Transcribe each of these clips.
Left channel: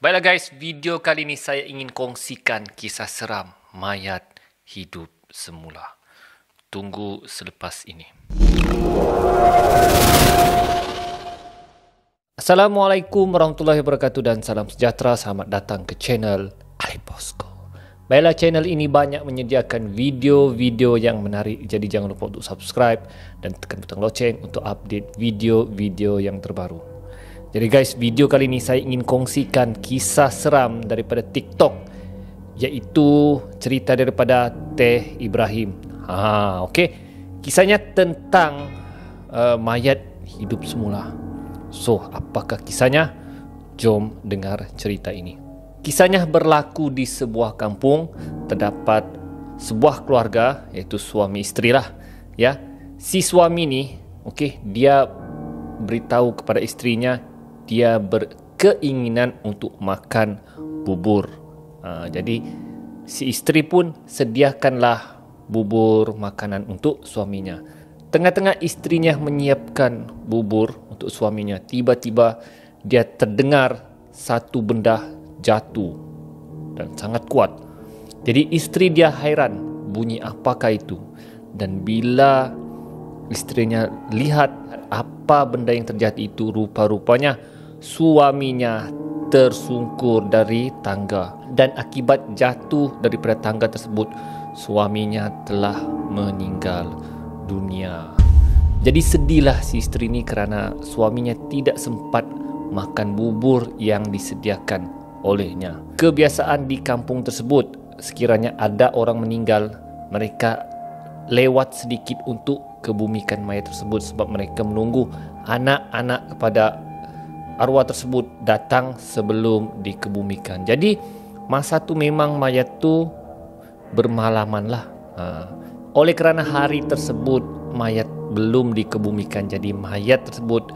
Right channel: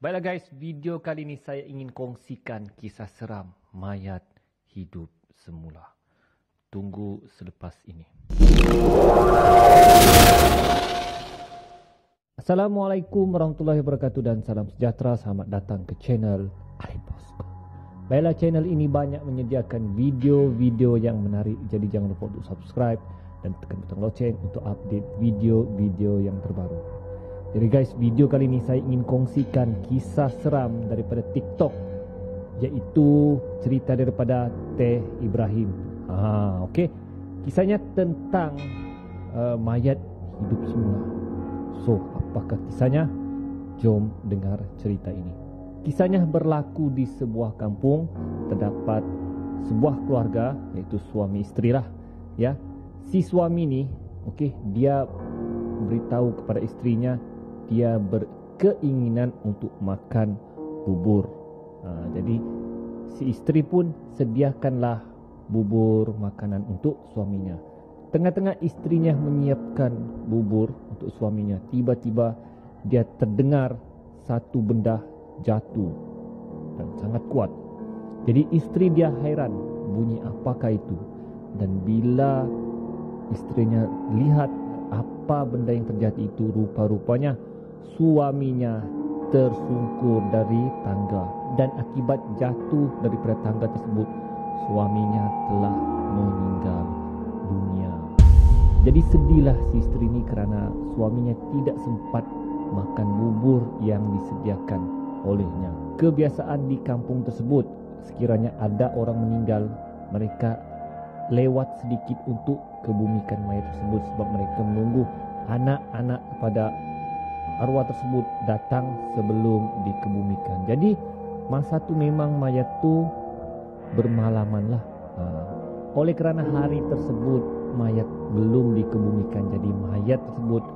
Baiklah guys, video kali ini saya ingin kongsikan kisah seram mayat hidup semula. Tunggu selepas ini. Assalamualaikum warahmatullahi wabarakatuh dan salam sejahtera. Selamat datang ke channel Alif Bosco. Baiklah, channel ini banyak menyediakan video-video yang menarik. Jadi jangan lupa untuk subscribe dan tekan butang loceng untuk update video-video yang terbaru. Jadi guys, video kali ini saya ingin kongsikan kisah seram daripada TikTok, iaitu cerita daripada Teh Ibrahim. Okey. Kisahnya tentang mayat hidup semula. So, apakah kisahnya? Jom dengar cerita ini. Kisahnya berlaku di sebuah kampung. Terdapat sebuah keluarga, iaitu suami isteri lah, ya. Si suami ni, okey, dia beritahu kepada istrinya dia berkeinginan untuk makan bubur. Jadi si isteri pun sediakanlah bubur makanan untuk suaminya. Tengah-tengah istrinya menyiapkan bubur untuk suaminya, tiba-tiba dia terdengar satu benda jatuh dan sangat kuat. Jadi isteri dia hairan, bunyi apakah itu? Dan bila istrinya lihat apa benda yang terjatuh itu, rupa-rupanya suaminya tersungkur dari tangga, dan akibat jatuh daripada tangga tersebut suaminya telah meninggal dunia. Jadi sedihlah si isteri ini kerana suaminya tidak sempat makan bubur yang disediakan olehnya. Kebiasaan di kampung tersebut, sekiranya ada orang meninggal, mereka lewat sedikit untuk kebumikan mayat tersebut sebab mereka menunggu anak-anak kepada arwah tersebut datang sebelum dikebumikan. Jadi masa tu memang mayat tu bermalaman lah. Oleh kerana hari tersebut mayat belum dikebumikan, jadi mayat tersebut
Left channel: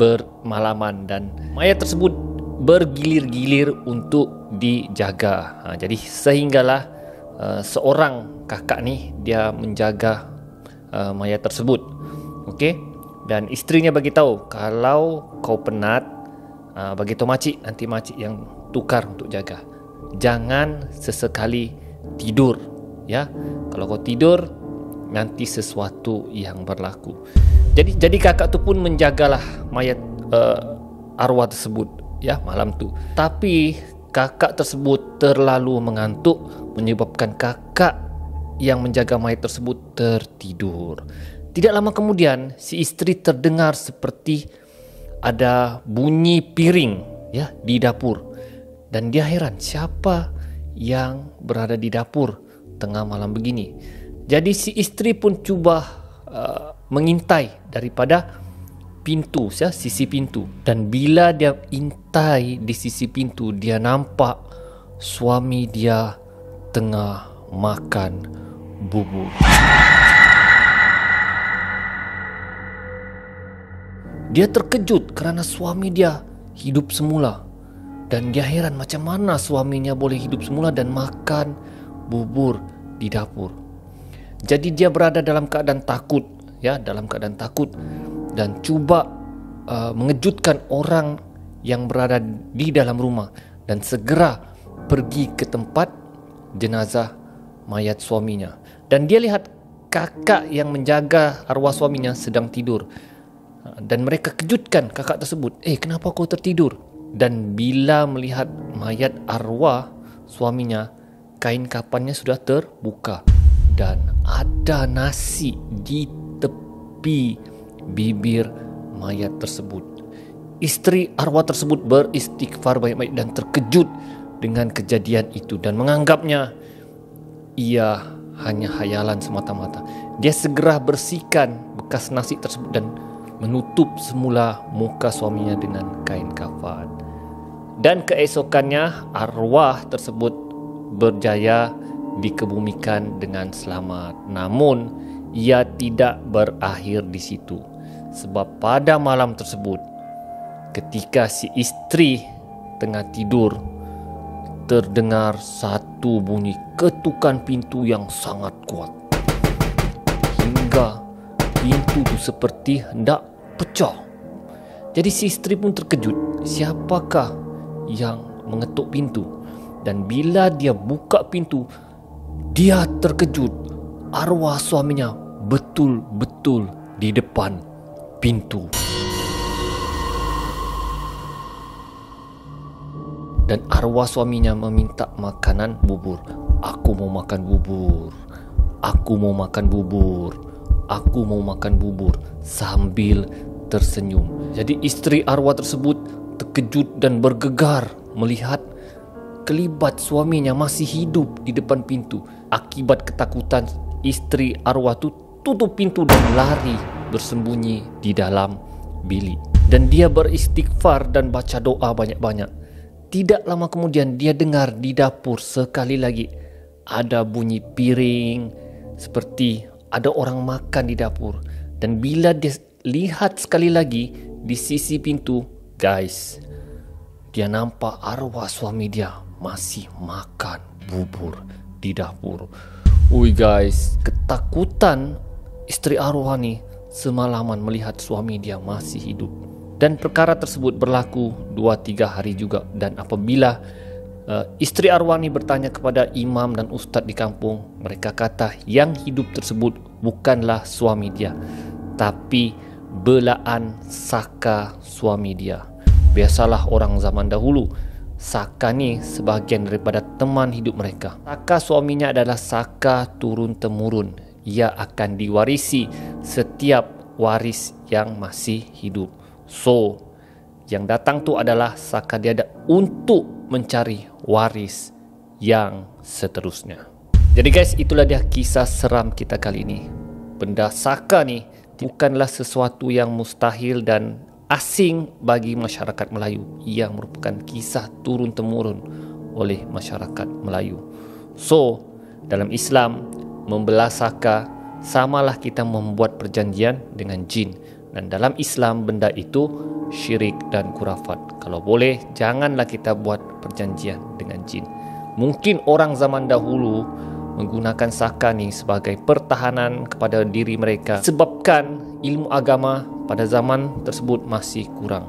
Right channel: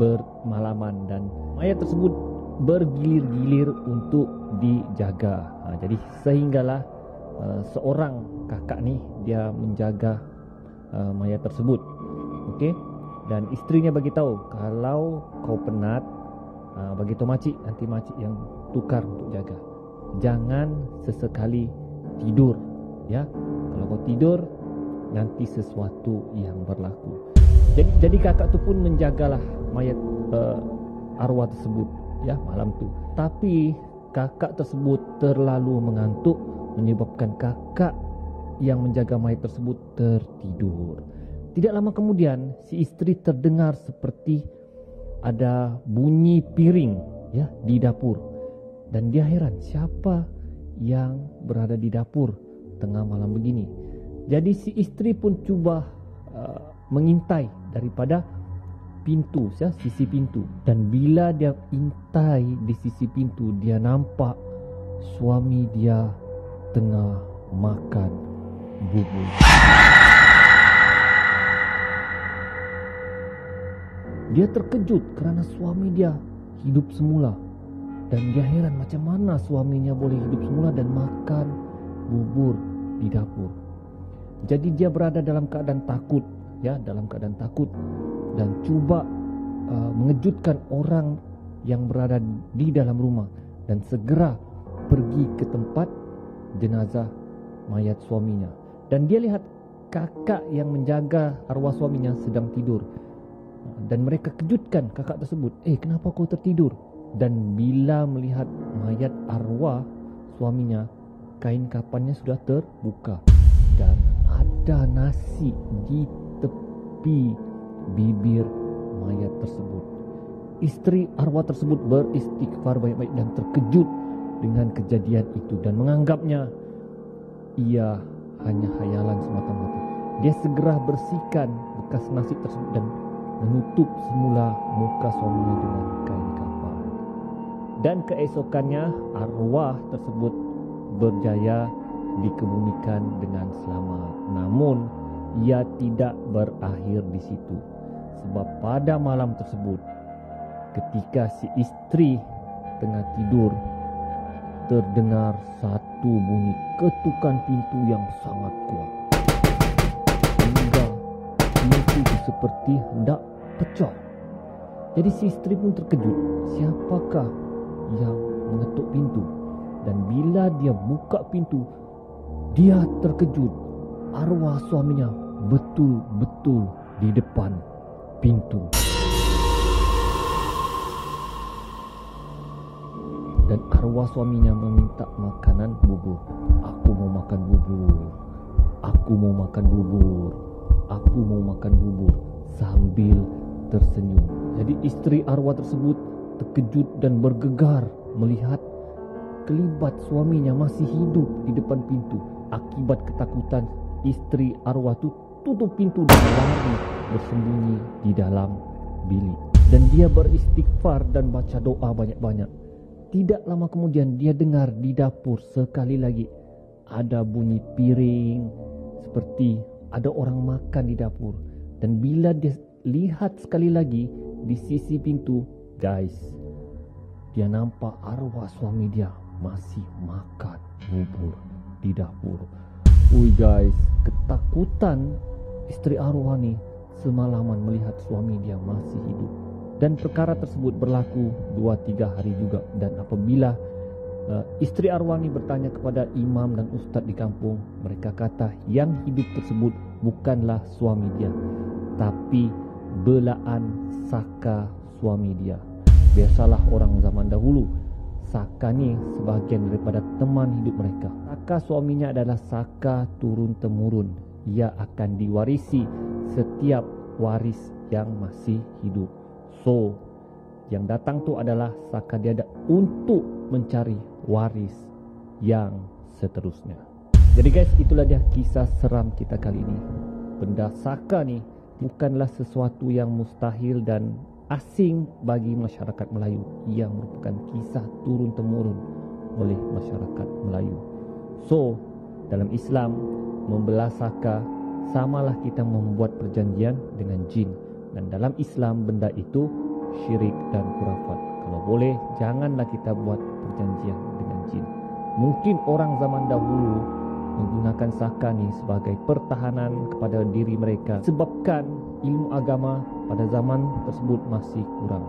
bermalaman dan mayat tersebut bergilir-gilir untuk dijaga. Jadi sehinggalah seorang kakak ni dia menjaga mayat tersebut. Okey. Dan istrinya bagi tahu, kalau kau penat, bagi tahu makcik, nanti makcik yang tukar untuk jaga. Jangan sesekali tidur, ya. Kalau kau tidur, nanti sesuatu yang berlaku. Jadi kakak tu pun menjagalah mayat arwah tersebut, ya, malam tu. Tapi kakak tersebut terlalu mengantuk menyebabkan kakak yang menjaga mayat tersebut tertidur. Tidak lama kemudian si isteri terdengar seperti ada bunyi piring, ya, di dapur. Dan dia heran, siapa yang berada di dapur tengah malam begini. Jadi si isteri pun cuba mengintai daripada pintu, ya, sisi pintu. Dan bila dia intai di sisi pintu, dia nampak suami dia tengah makan bubur. Dia terkejut kerana suami dia hidup semula. Dan dia heran macam mana suaminya boleh hidup semula dan makan bubur di dapur. Jadi dia berada dalam keadaan takut, ya, dalam keadaan takut, dan cuba mengejutkan orang yang berada di dalam rumah dan segera pergi ke tempat jenazah mayat suaminya. Dan dia lihat kakak yang menjaga arwah suaminya sedang tidur. Dan mereka kejutkan kakak tersebut. Kenapa kau tertidur? Dan bila melihat mayat arwah suaminya, kain kafannya sudah terbuka. Dan ada nasi di tepi bibir mayat tersebut. Isteri arwah tersebut beristighfar baik-baik dan terkejut dengan kejadian itu dan menganggapnya ia hanya khayalan semata-mata. Dia segera bersihkan bekas nasi tersebut dan menutup semula muka suaminya dengan kain kafan. Dan keesokannya arwah tersebut berjaya dikebumikan dengan selamat. Namun ia tidak berakhir di situ. Sebab pada malam tersebut, ketika si isteri tengah tidur, terdengar satu bunyi ketukan pintu yang sangat kuat. Hingga pintu itu seperti hendak pecah. Jadi si isteri pun terkejut. Siapakah yang mengetuk pintu. Dan bila dia buka pintu, dia terkejut. Arwah suaminya betul-betul di depan pintu. Dan arwah suaminya meminta makanan bubur. Aku mau makan bubur. Aku mau makan bubur. Aku mau makan bubur, sambil tersenyum. Jadi isteri arwah tersebut terkejut dan bergegar melihat kelibat suaminya masih hidup di depan pintu. Akibat ketakutan, isteri arwah itu tutup pintu dan lari bersembunyi di dalam bilik. Dan dia beristighfar dan baca doa banyak-banyak. Tidak lama kemudian dia dengar di dapur sekali lagi ada bunyi piring, seperti ada orang makan di dapur. Dan bila dia lihat sekali lagi di sisi pintu, guys, dia nampak arwah suami dia masih makan bubur di dapur. Wih guys, ketakutan istri arwah nih semalaman melihat suami dia masih hidup. Dan perkara tersebut berlaku 2-3 hari juga. Dan apabila istri arwah ini bertanya kepada imam dan ustaz di kampung, mereka kata yang hidup tersebut bukanlah suami dia, tapi belaan saka suami dia. Biasalah orang zaman dahulu, saka ni sebahagian daripada teman hidup mereka. Saka suaminya adalah saka turun-temurun. Ia akan diwarisi setiap waris yang masih hidup. So, yang datang tu adalah saka dia untuk mencari waris yang seterusnya. Jadi guys, itulah dia kisah seram kita kali ini. Benda saka ni bukanlah sesuatu yang mustahil dan asing bagi masyarakat Melayu. Yang merupakan kisah turun-temurun oleh masyarakat Melayu. So, dalam Islam, membelah saka samalah kita membuat perjanjian dengan jin. Dan dalam Islam benda itu syirik dan khurafat. Kalau boleh, janganlah kita buat perjanjian dengan jin. Mungkin orang zaman dahulu menggunakan saka ni sebagai pertahanan kepada diri mereka, sebabkan ilmu agama pada zaman tersebut masih kurang.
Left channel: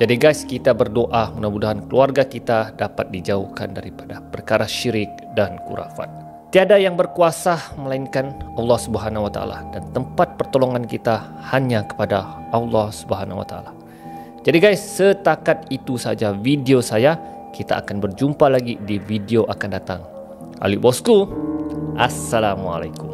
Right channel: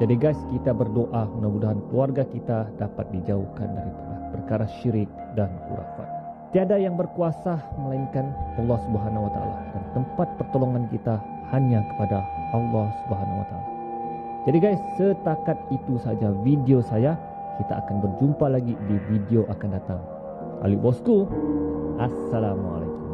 Jadi guys, kita berdoa mudah-mudahan keluarga kita dapat dijauhkan daripada perkara syirik dan khurafat. Tiada yang berkuasa melainkan Allah Subhanahu wa taala, dan tempat pertolongan kita hanya kepada Allah Subhanahu wa taala. Jadi guys, setakat itu saja video saya. Kita akan berjumpa lagi di video akan datang. Ali Bosku, Assalamualaikum.